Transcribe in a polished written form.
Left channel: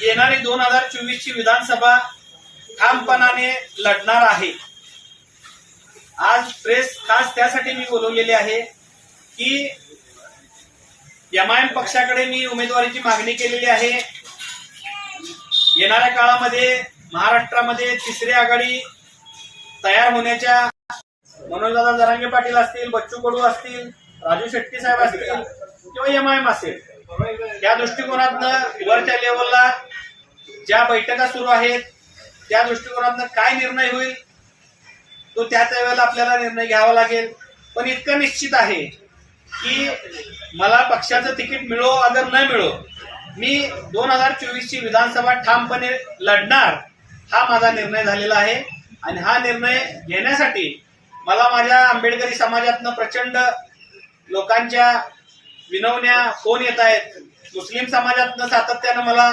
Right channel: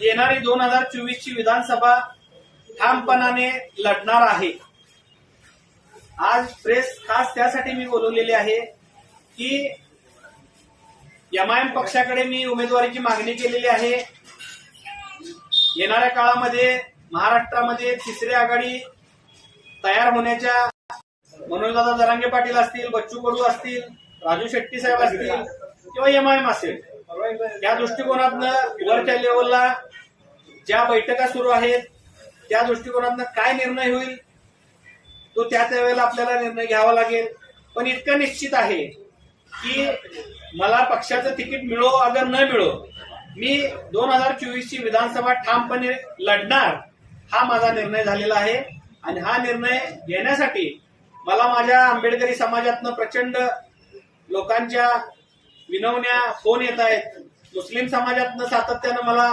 येणारी 2024 ची विधानसभा ठामपणाने लढणार आहे। आज प्रेस खास त्यासाठी मी बोलवलेली आहे की एमआयएम पक्षाकडे मी उमेदवारीची मागणी केलेली आहे। येणाऱ्या काळामध्ये महाराष्ट्रामध्ये तिसरी आघाडी तयार होण्याच्या मनोजदादा जरांगे पाटील असतील, बच्चू कडू असतील, राजू शेट्टी साहेब असतील किंवा एमआयएम असेल, त्या दृष्टिकोनातनं वरच्या लेवलला ज्या बैठका सुरू आहेत त्या दृष्टिकोनातनं काय निर्णय होईल तो त्या वेळेला आपल्याला निर्णय घ्यावा लागेल। पण इतकं निश्चित आहे की मला पक्षाचं तिकीट मिळो अगर न मिळो, मी 2024 ची विधानसभा ठामपणे लढणार हा माझा निर्णय झालेला आहे। आणि हा निर्णय घेण्यासाठी मला माझ्या आंबेडकरी समाजातनं प्रचंड लोकांच्या विनवण्या फोन येत आहेत। मुस्लिम समाजातनं सातत्यानं मला